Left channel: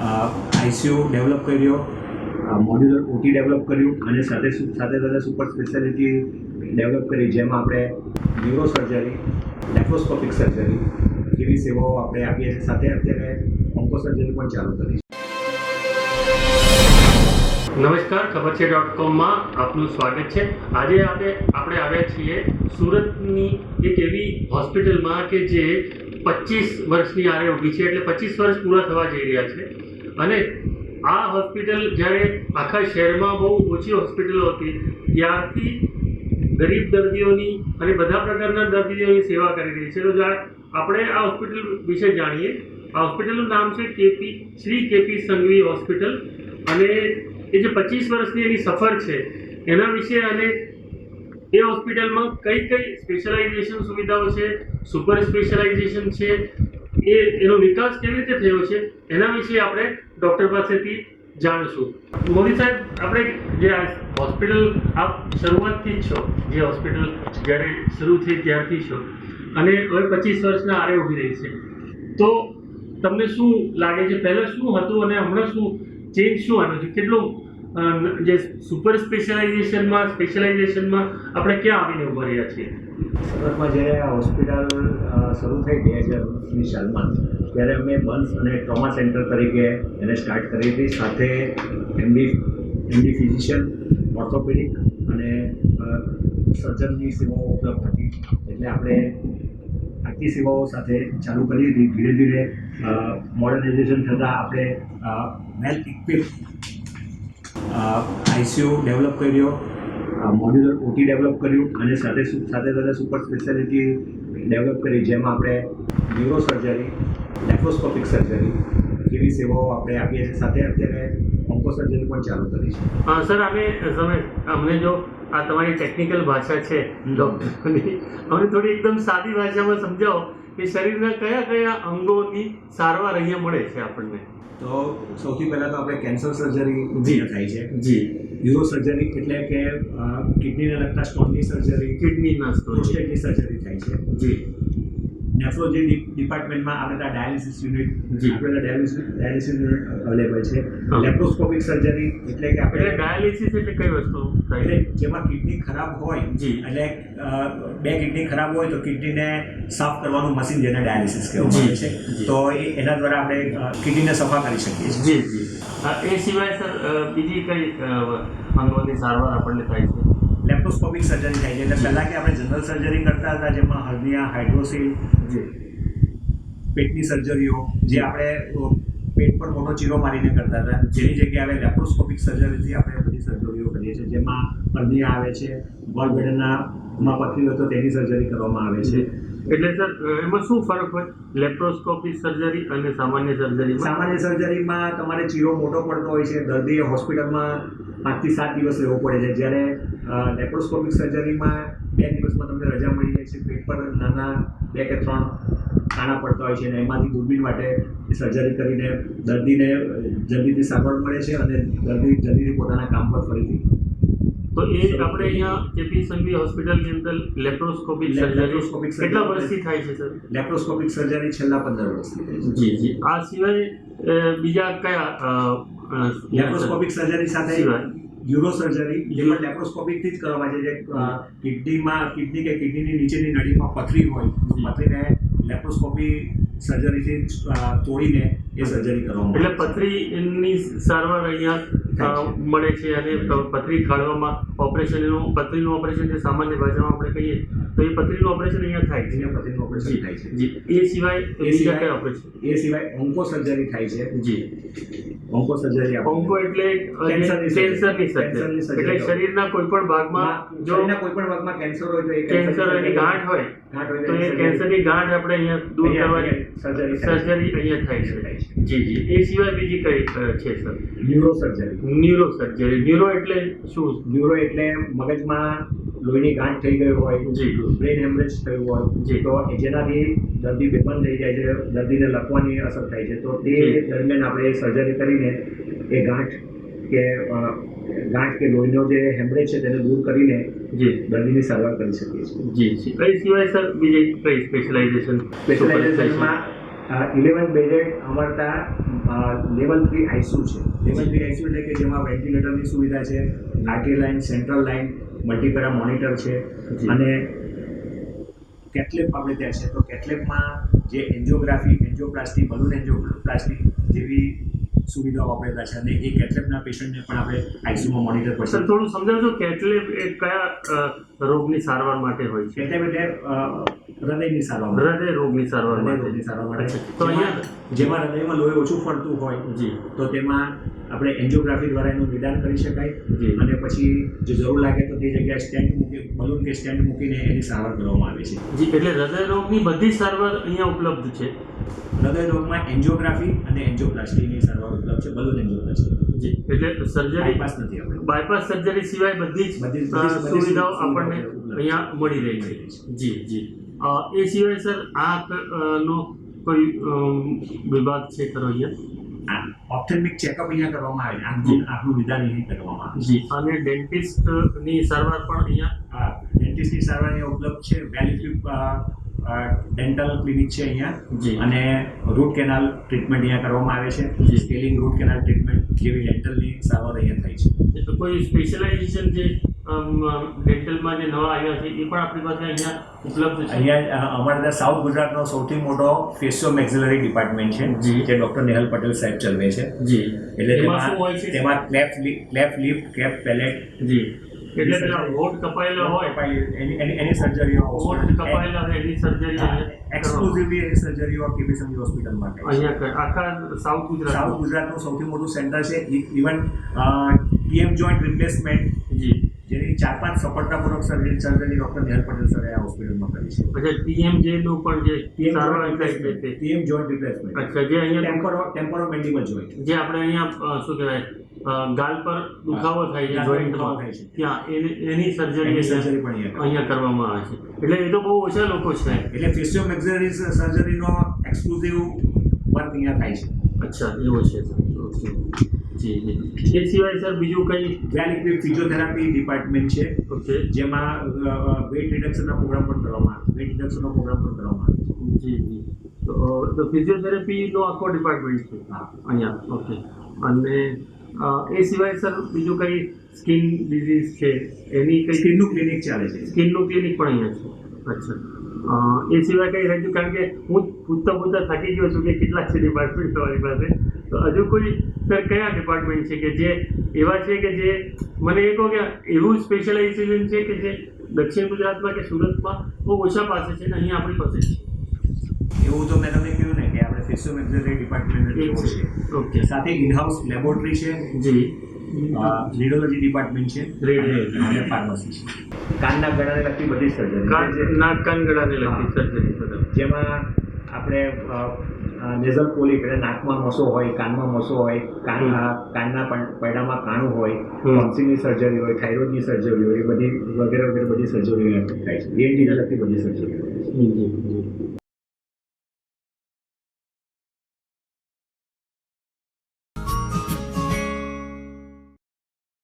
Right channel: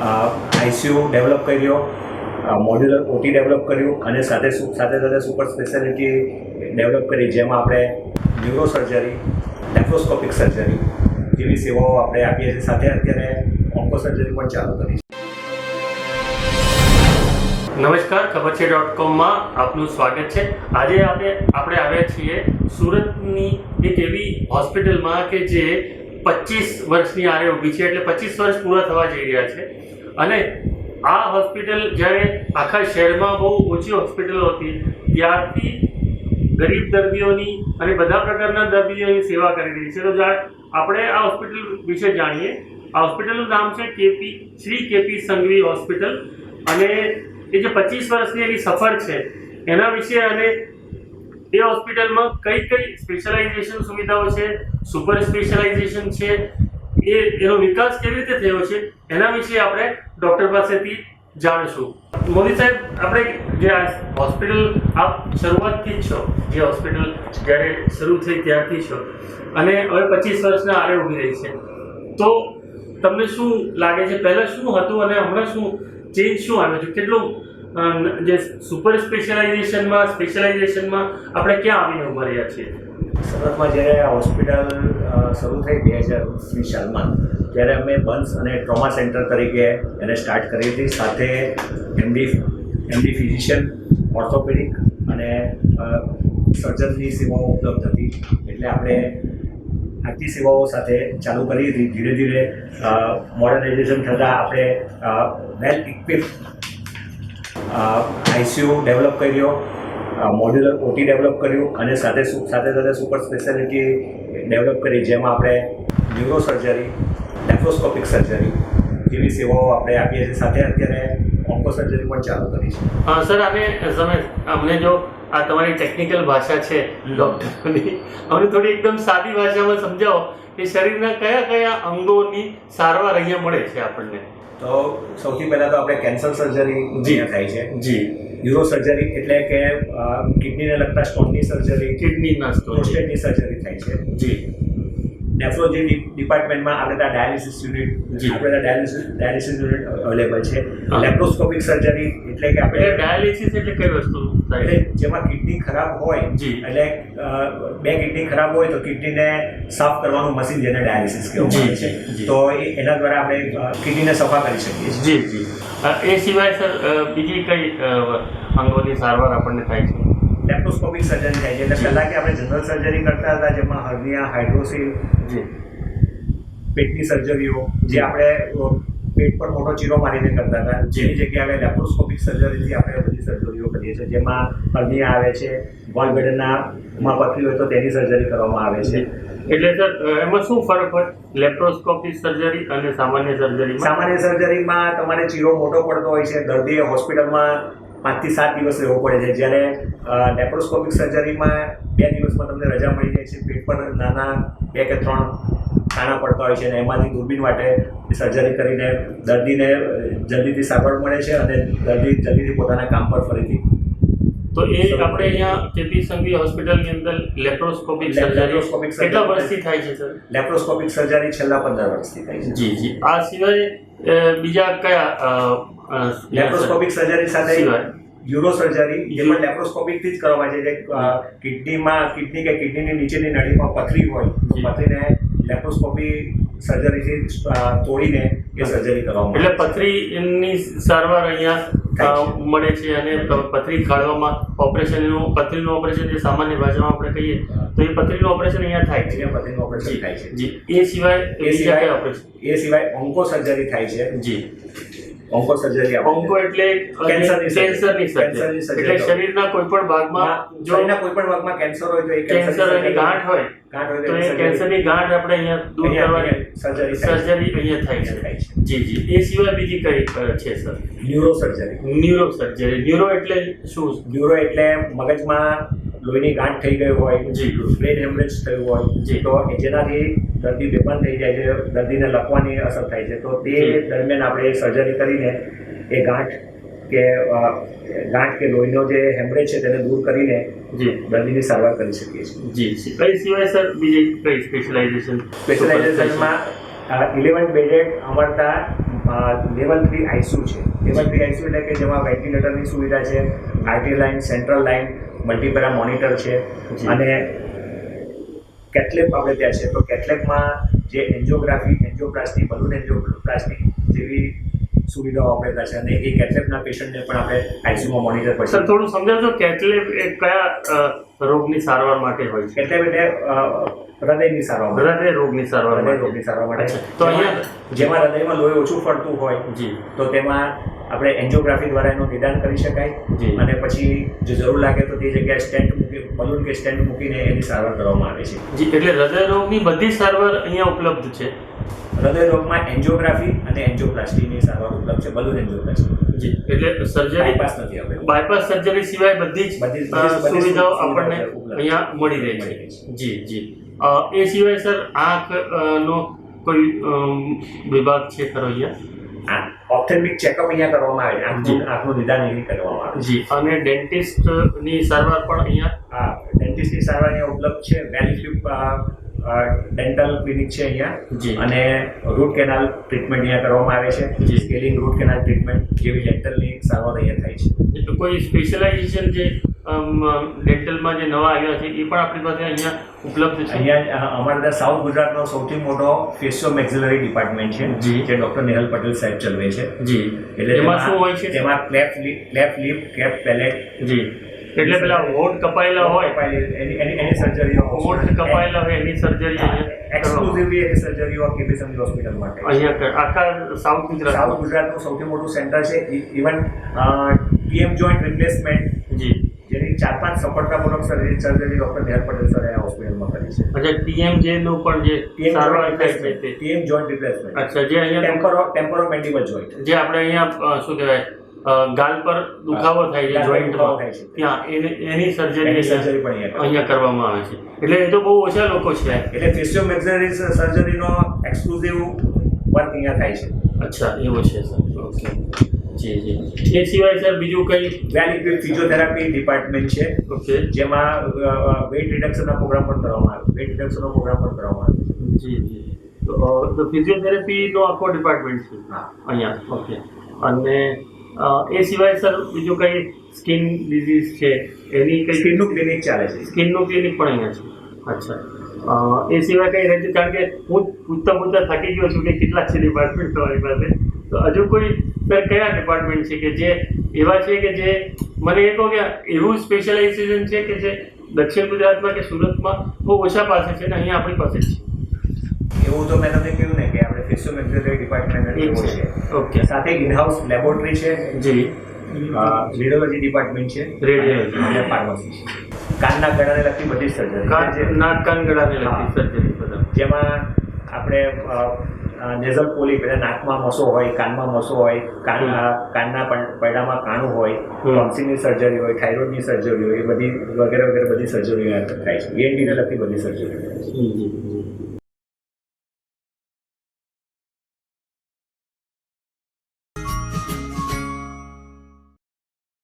ICU develop કર્યો modular OT develop કર્યું અને સાથે સાથે સાથે સુપર સ્પેશિયાલિટી ડેવલપ કરી, જેમાં આપણે ન્યુરો સર્જરી, લેપ્રોસ્કોપિક સર્જરી જેવી સેવાઓ આપણે આપીએ છીએ. સાથે અત્યારે ઓન્કો સર્જરી પણ ચાલુ કરી છે. નમસ્કાર, ખબર છે ડોટ કોમમાં આપનું સ્વાગત છે. આજે આપણે આપણે આવ્યા છીએ સુરતની એક એવી હોસ્પિટલમાં કે જે પચીસ વર્ષની આરે ઊભી છે એટલે પચીસ વર્ષ પૂરા થવા જઈ રહ્યા છે. અને આ હોસ્પિટલ જ્યારે આખા શહેરમાં બહુ ઓછી હોસ્પિટલો હતી, ત્યારથી ગરીબ દર્દીઓની અને બધા પ્રકારના દર્દીઓની સેવા કરી રહી છે. તો આપણે આ હોસ્પિટલ વિશે જાણીએ. આ હોસ્પિટલનું નામ છે KP, Shri KP Sanghvi hospital. અને એ જે પચીસ વર્ષની એની સફર છે, એના વિશે અને એ હોસ્પિટલમાં કઈ કઈ સ્પેશિયલાઇઝેશન સુવિધાઓ છે, સુપર સ્પેશિયલાઇઝેશન છે, એ, એનો વિકાસ કેવી રીતે થયો છે, એના વિશે આપણે ડૉક્ટર પાસેથી જાણીશું. મોદી સાહેબ, આપણે જે આ હોસ્પિટલ આપ શરૂઆતથી જ છો, જે હોસ્પિટલ જ્યારે શરૂ થઈ ત્યારથી છો, અને હવે પચીસ વર્ષના આરે ઊભી રહી છે. તો તમને શું લાગે છે, પહેલાં શું હતું અને હમણાં શું, ચેન્જ શું આવ્યો છે? કેટલું જે સુપર સ્પેશિયલાઇઝેશનમાં સ્પેશિયલાઇઝેશનમાં આપણે ક્યાં આવીને ઊભા રહ્યા છીએ? સુરતમાં જ્યારે આ હોસ્પિટલ શરૂ થઈ બે હજારની સાલમાં, ત્યારે અમે બન્સ અને ટ્રોમા સેન્ટર તરીકે એને સ્ટાર્ટ કરી હતી. સાથે એમડી એમડી ફિઝિશિયન, ઓર્થોપેડિક અને સર્જનની સેવાઓ ઉપલબ્ધ હતી. એટલે આપણે આટલી સેવાઓ સાથે ચાલુ કરી હતી. ધીરે ધીરે મોડર્નાઇઝેશન થતાં આપણે વેલ ઇક્વિપ આઈસીયુ ડેવલપ કર્યો મોડ્યુલર ઓટી ડેવલપ કર્યું અને સાથે સાથે સાથે સુપર સ્પેશિયાલિટી ડેવલપ કરી જેમાં આપણે ન્યુરો સર્જરી લેપ્રોસ્કોપિક સર્જરી જેવી સેવાઓ આપણે આપીએ છીએ. સાથે અત્યારે ઓન્કો સર્જરી પણ ચાલુ કરી છે. હા સર આને તમે અમને જો આ તમારી ટેકનિકલ ભાષા છે. ડૉક્ટરની અમને થોડી એકદમ સાદી ભાષામાં સમજાવો કે શરીરના કયા કયા અંગોની સારવાર અહીંયા મળે છે આપણને? તો સૌથી પહેલાં તો આપણે કેન્સર સર્જરી અહીંયા થાય છે. જી. યુરો સર્જરી એટલે કે કિડની કિડનીને લગતા સ્ટોનની સર્જરી કિડનીના સ્ટોન પ્રોસ્ટેટની સર્જરી થાય છે. જી. નેફ્રોલોજી ડિપાર્ટમેન્ટમાં આપણે ત્યાં ડાયાલિસિસ યુનિટ આપણે ત્યાં ડાયાલિસિસ ડાયાલિસિસ યુનિટ અવેલેબલ છે. લેપ્રોસ્કોપિક સર્જરી એટલે કે આપણે ડાયાલિસિસ એટલે કઈ વસ્તુ એટલે જેમાં કિડની ખરાબ હોય એટલે બે કિડની ખરાબ હોય તો કિડનીને સાફ કરવાનું મશીન જેને ડાયાલિસિસ કહેવામાં આવે છે. તો એ- એના દ્વારા આપણે કિડનીને સફા કરી શકીએ છીએ. જી જી. એ સિવાય સર બીજી કઈ અંગોની સારવાર આપણને થાય છે? લેપ્રોસ્કોપિક સર્જરી થાય છે. એટલે પહેલાં કે આપણે જનરલ સર્જરી કરતા હતા જેમાં હર્નિયા હાઇડ્રોસિલ જી પેટની સર્જરીઓ જે આપણે પેટ પર મોટો ચીરો મારીને કરતા હતા. જેની જગ્યાએ લેપ્રોસ્કોપિક સર્જરીથી આપણે બધી સર્જરીઓ કરીએ છીએ. જેમાં હર્નિયા આવે છે વોલબેડના માં પથરી હોય તો તેની સર્જરી કરવામાં આવે છે. એટલે સર એમાં શું ફરક હોય? લેપ્રોસ્કોપિક સર્જરી અને સામાન્ય સર્જરી સામાન્ય સર્જરીમાં તમારે ચીરો મોટો પડતો હોય છે. દર્દીએ હોસ્પિટલમાં પાંચથી સાત દિવસ રહેવું પડે છે. જ્યારે લેપ્રોસ્કોપિક સર્જરીમાં બે દિવસમાં તમને રજા મળી જાય છે. પેટ પર નાના બે કે ત્રણ કાણા પડતા હોય છે અને એમાંથી દૂરબીન માટે સર્જરી કરીને દર્દીને જલ્દીથી સારવાર મળે છે અને દર્દી જલ્દીથી પોતાના કામ પર ફરીથી તો એ આપણે. અહીંયા કેપી સંઘવી હોસ્પિટલની અંદર લેપ્રોસ્કોપિક લેપ્રોસ્કોપિક કેટલા વર્ષથી થાય છે સર લેપ્રોસ્કોપિક સર્જરી છેલ્લા પંદર વર્ષથી થાય છે. જી જી. આ સિવાય બીજા કયા લેપ્રોસ્કોપિક સર્જરી સાથે યુરો સર્જરી જે. પણ લેપ્રોસ્કોપિકથી જ કરવામાં આવે છે. જે કિડનીમાં કિડની કે કિડનીની નીચેની નળીમાં પથરી હોય તો પથરીને લેપ્રોસ્કોપી સર્જરીથી તોડીને એ સર્જરી કરવામાં એટલે પથરી એમની પથરીની સારવાર અહીંયા મળે છે અને પથરી કાઢવામાં ઓપરેશનનું પથરીનું ઓપરેશન જે સામાન્ય ભાષામાં આપણે કહીએ તો એ પથરીનું ઓપરેશન અહીંયા થાય છે. અહીંયા પથરીનું ઓપરેશન થાય છે. જી. એ સિવાય એ સિવાય- ઓપરેશન? એ સિવાય ઓન્કો સર્જરી થાય છે. જી. ઓન્કો સર્જરી ઓન્કો એટલે કેન્સરની. કેન્સરની સર્જરી. એટલે શરીરના કોઈ પણ ભાગમાં શરીરના કોઈ પણ ભાગમાં કેન્સર હોય તો એ કેન્સરની ગાંઠ હોય તો એ કેન્સરની ગાંઠ આપણે અહીંયા દૂર કરવાની સર્જરી સર્જરી અહીંયા થાય છે. જી જી. એ સિવાય બીજી કઈ છે sir neuro surgery neuro surgery neuro એટલે શું? ન્યુરો એટલે મગજમાં લોહીની ગાંઠ થઈ ગઈ હોય જી. બ્રેન હેમરેજ થયું હોય જી. તો કે જેનાથી દર્દી બેભાન થઈ જાય છે દર્દીને લખવાની અસર થાય છે. તો તે દરમિયાન આપણે સર્જરી કરીને એ ગાંઠ કે ગાંઠ કે લોહીનો જે હેમરેજ છે તેને દૂર કરીને જી. દર્દીની સારવાર કરી શકીએ છીએ. જી કઈ સિવાય સર બીજી કઈ સ્પેશિયલાઇઝેશન સ્પેશિયલાઇઝેશનમાં ઇલેવન બેડેડ અમરતા લેવલ થ્રી આઈસીયુ છે. લેવલ થ્રી આઈસીયુ એટલે કે જેમાં વેન્ટિલેટરની સુવિધા છે RT line central line multipara monitor છે. અને કેટલેપ આપણે ત્યાં છે તો કેટલેપમાં જે એન્જિયોગ્રાફી એન્જિયોપ્લાસ્ટી બલૂન એન્જિયોપ્લાસ્ટી જેવી સુવિધાઓ આપેલા છે અને એ કેટલેપના પેશન્ટને પણ આપણે આઈસીયુમાં મોનિટર સર પછી થોડું સમજાવજો કેટલેબ એ કયા રોગની સારવાર માટે હોય છે? કેટલેબ એટલે હૃદયની સારવાર હૃદય રોગની સારવાર હૃદય રોગની સારવાર માટે. તો જેમાં હૃદયમાં લોહી ઓછું ફરતું હોય જી. તો તેમાં આપણે એન્જિયોગ્રાફી દ્વારા એનું નિદાન કરી શકાય. જી. અને પછી જો જરૂર લાગે તો તે જગ્યાએ સ્ટેન્ટ મૂકી બલૂન કે સ્ટેન્ડ મૂકીને એની સારવાર કરવામાં આવે છે. જી એટલે હૃદય રોગની બધી સારવાર અહીંયા ઉપલબ્ધ છે? હૃદય રોગમાં એન્જિયોગ્રાફી અને એન્જિયોપ્લાસ્ટીની સારવાર ઉપલબ્ધ છે બલૂન એન્જિયોપ્લાસ્ટી. જી એટલે સર્જરી બાયપાસ નથી available. બાયપાસ સર્જરી સિવાય બધી જ બધી સુવિધાઓ આપણને અહીંયા મળી રહી છે. જી જી. એ સિવાય સર આંખ નો કોઈ વિભાગ છે ખરો અહીંયા આ ઓપ્થેલ્મિક ચેકઅપ અહીંયા કરવામાં આવે આંખનું આંખનું નિદાન અહીં કરવામાં આવે જી અને ડેન્ટિસ્ટની સારવાર પણ અહીંયા હા ડેન્ટિસ્ટની સારવાર અહીંયા ઉપલબ્ધ છે. વેલીફ્લિપ ડેન્ટલ ક્લિનિક છે અહીંયા. અને રૂટ કેનાલ ટ્રીટમેન્ટ અહીંયા કરવામાં આવે છે. જી. સ્કેલિંગ રૂટ કેનાલ ટ્રીટમેન્ટ જેવી ડેન્ટલની સારવાર અહીંયા થાય છે. એટલે કોઈ સ્પેશિયલાઇઝેશન જે ડેન્ટલમાં જે નવા આવ્યા છે એ પણ આપણી પાસે અહીંયા ઉપલબ્ધ છે? અહીંયા અમારે ત્યાં સાઉથ ગુજરાતનો સૌથી મોટો ફેસિયો મેક્ઝિલરી ડિપાર્ટમેન્ટ છે જે. ડૉક્ટર નેહલ પટેલ સાહેબ ચલાવે છે. જી. એટલે તેમાં શું હોય છે? તેમાં cleft cleft lip cleft palate જી. એટલે પેલા વોટ કપાયેલા હોય. એની એની સર્જરીઓ કપાયેલા હોય એની સર્જરી એક્સક્લુઝિવલી એની સર્જરીઓ થાય અહીંયા આખા સાઉથ સાઉથ ગુજરાતનું સૌથી મોટું સેન્ટર છે. ઇવન પીએમ જોઈન્ટ રિપ્લેસમેન્ટ જી. જેની ચાર પાંચ સફળતાપૂર્વક surgery surgery doctor Nehal Patel સરે આ હોસ્પિટલમાં કરી છે. અચ્છા પીએમ જે નું પણ જે PM replacement PM joint replacement અચ્છા જે અહીંયા ટેમ્પરો ટેમ્પરો મેન્ડિબલ જોઈન્ટ જે આપણે અહીંયા શું કહેવાય? ગાલ પર દુખાવો થાય છે માં. થાય છે. ત્યાં એની સર્જરી સર્જરી પણ અહીંયા અહીંયા કરવામાં આવે છે. એટલે એ તો બહુ ઓછા લોકો છે. એટલે ફેશિયો મેક્સરી સર્જરીનો એક્સક્લુઝિવ વર્ક અહીંયા થાય છે. અચ્છા એવું છે સર ઓકે જી જી. એ સિવાય સર બીજું કંઈ? વેલ ઇક્વિપ ફિઝિયોથેરાપી ડિપાર્ટમેન્ટ છે. ઓકે જેમાં વેટ રિડક્શનના પ્રોગ્રામ પણ કરવામાં આવે. વેટ રિડક્શનનો પ્રોગ્રામ પણ કરવામાં આવે જી જી. તો ફિઝિયોથેરાપીનો આખો ડિપાર્ટમેન્ટ છે? હા. અહીંયા. ઓકે અને એ સિવાય સર બીજું કંઈ સ્કિન ડિઝીઝ છે? એની કંઈ સ્કિનનું ક્લિનિક ચાલે છે. સ્કિનનું ક્લિનિક પણ અહીંયા છે. અચ્છા. એ સિવાય કંઈ રહેતું કારણ કે હું પૂછતા પૂછતા થાકી ગયો છું કે કેટલા છે ડિપાર્ટમેન્ટ તમારી પાસે? તો હજુ કોઈ સર કયા ડિપાર્ટમેન્ટ છે કે જે એવા છે કે જે મને એ કહો કે એવું સ્પેશિયલાઇઝેશન છે કે જે દક્ષિણ ગુજરાતમાં કે સુરતમાં બહુ ઓછા પાસે છે અને અહીંયા આપણી પાસે જ એવું તો મેં તમને કહ્યું ને કે આપણે ફિઝિયો મેક્સરી ડિપાર્ટમેન્ટ છે. ઓકે. સાથે ઇનહાઉસ લેબોરેટરી છે. જી. રેડિયોલોજી ડિપાર્ટમેન્ટ છે. રેડિયોલોજી અને ફાર્મસી છે. કાનના ગળાને લગતી બધી સર્જરી નાક કાન ગળાને લગતી સર્જરી બધા. જેમાં આપણે નેઝલ પોલી એટલે નાકમાં મસો હોય કાનમાં મસો હોય કાન કાનના પૈડામાં કાણું હોય. ટોન્સિલની સર્જરી હોય થાઇરોઇડની સર્જરી હોય એ બધી વગેરે વગેરે બધી સર્જરી થાય છે. એનડીને લગતી બધી સર્જરી થાય છે.